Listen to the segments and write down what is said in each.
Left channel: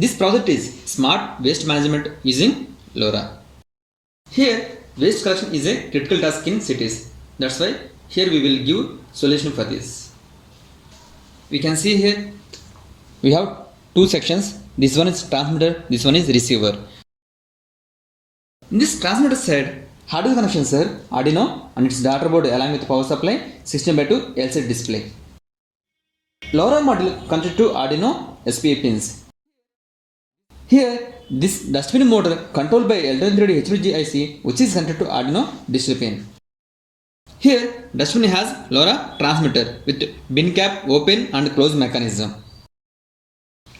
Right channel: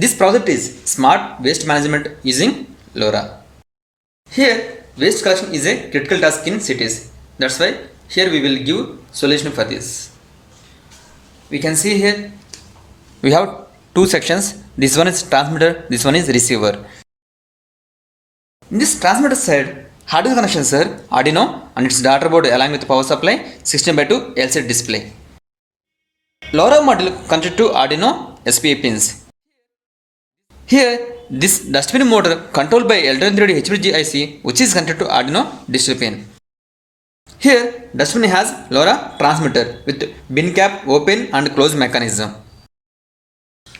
This project is smart waste management using LoRa. Here, waste collection is a critical task in cities. That's why here we will give solution for this. We can see here we have two sections. This one is transmitter, this one is receiver. In this transmitter side, hardware connections are Arduino and its daughter board along with power supply 16:2 LCD display. LoRa module connected to Arduino SPA pins. Here, this dustbin motor controlled by L23 HBG IC which is connected to Arduino digital pin. Here, dustbin has LoRa transmitter with bin cap open and close mechanism.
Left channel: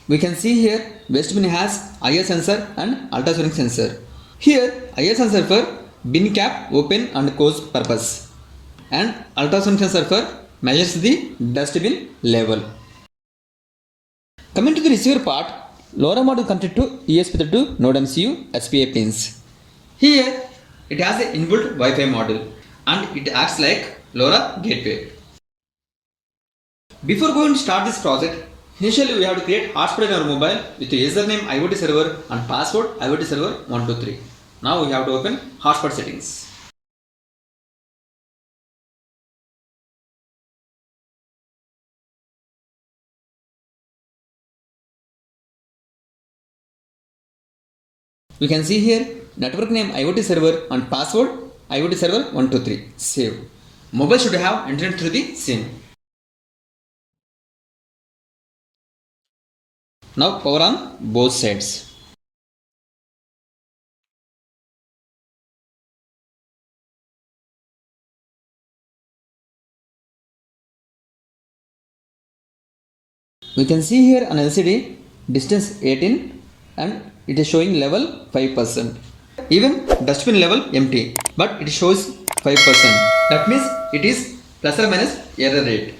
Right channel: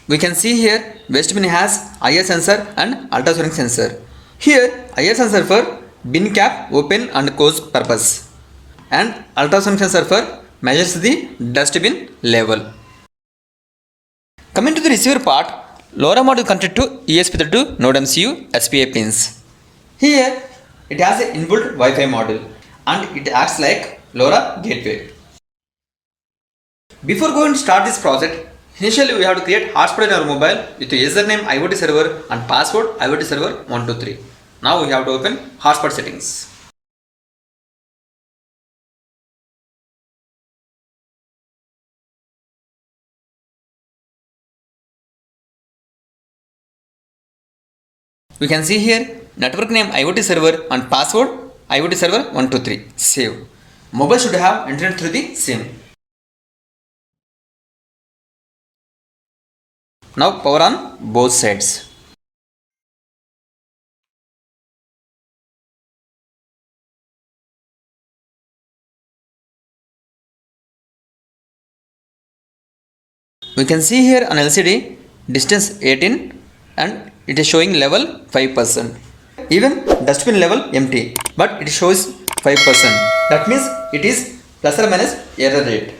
We can see here waste bin has IR sensor and ultrasonic sensor. Here, IR sensor for bin cap open and close purpose and ultrasonic sensor for measures the dustbin level. Coming to the receiver part, LoRa module connected to ESP32 Nodemcu SPA pins. Here, it has an inbuilt Wi-Fi module and it acts like LoRa gateway. Before going to start this project, initially we have to create hotspot in our mobile with the username IoT server and password IoT server 123. Now we have to open hotspot settings. We can see here network name IoT server and password IoT server 123. Save. Mobile should have internet through the SIM. Now power on both sides. We can see here on LCD distance 18 and it is showing level 5%. Even dustbin level empty, but it shows 5%. That means it is plus or minus error rate.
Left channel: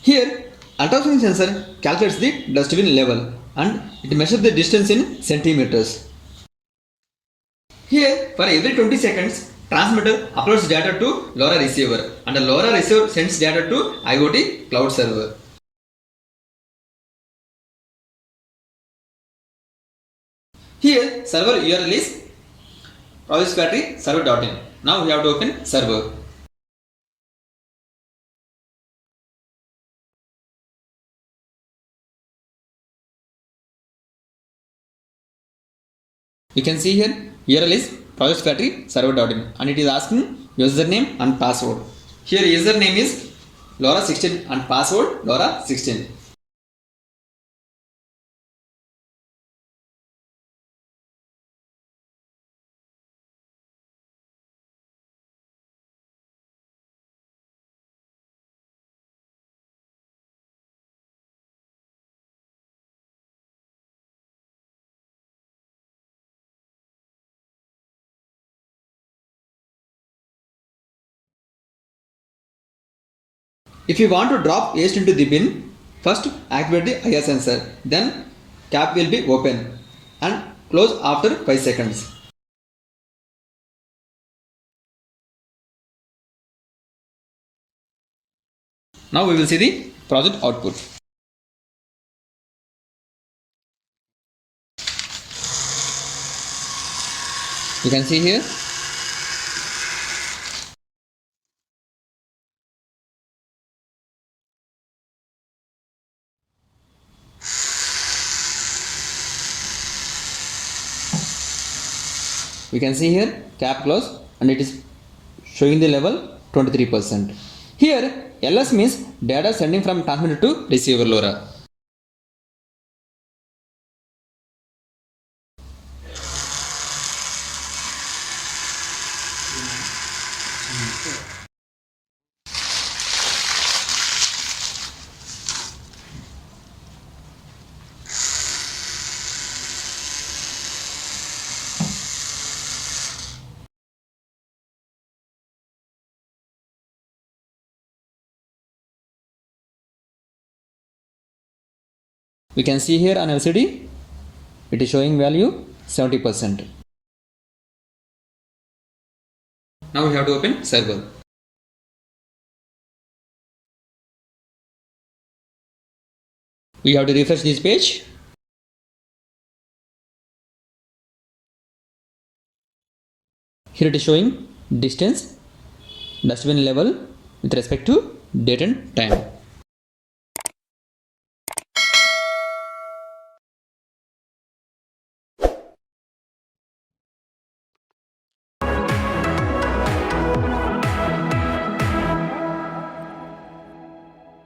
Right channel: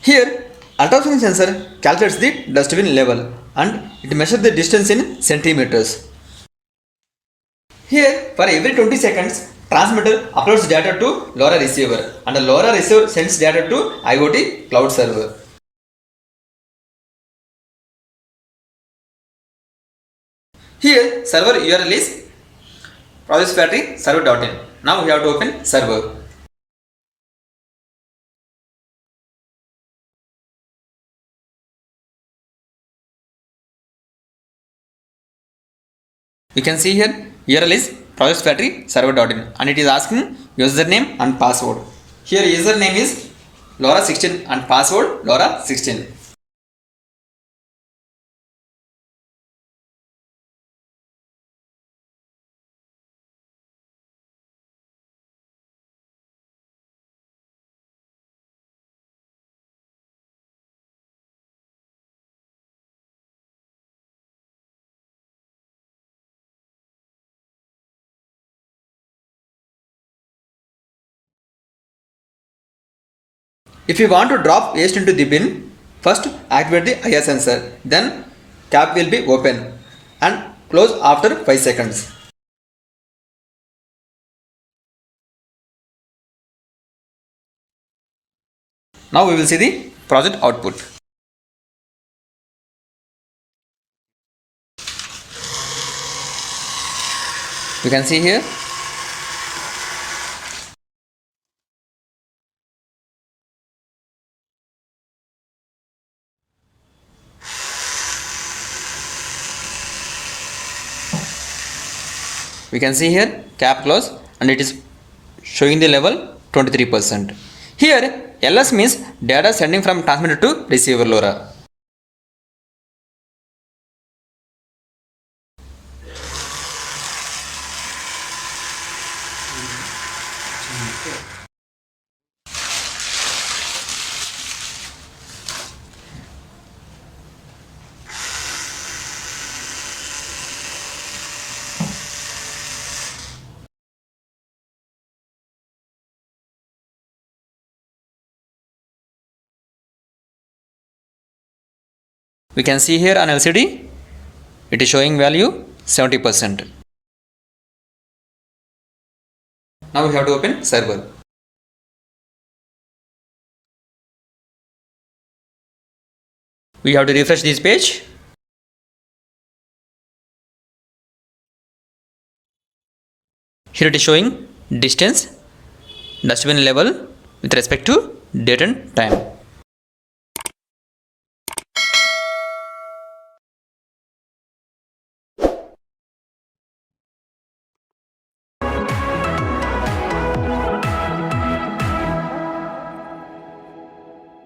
Here, ultrasonic sensor calculates the dustbin level and it measures the distance in centimeters. Here, for every 20 seconds, transmitter uploads data to LoRa receiver and the LoRa receiver sends data to IoT cloud server. Here, server URL is process factory server.in. Now we have to open server. You can see here URL is process factory server.in and it is asking username and password. Here username is LoRa16 and password LoRa16. If you want to drop waste into the bin, first activate the IR sensor, then cap will be open and close after 5 seconds. Now we will see the project output. You can see here we can see here cap close and it is showing the level 23%. Here LS means data sending from transmitter to receiver LoRa. We can see here on LCD, it is showing value 70%. Now we have to open server. You We have to refresh this page. Here it is showing distance, dustbin level with respect to date and time.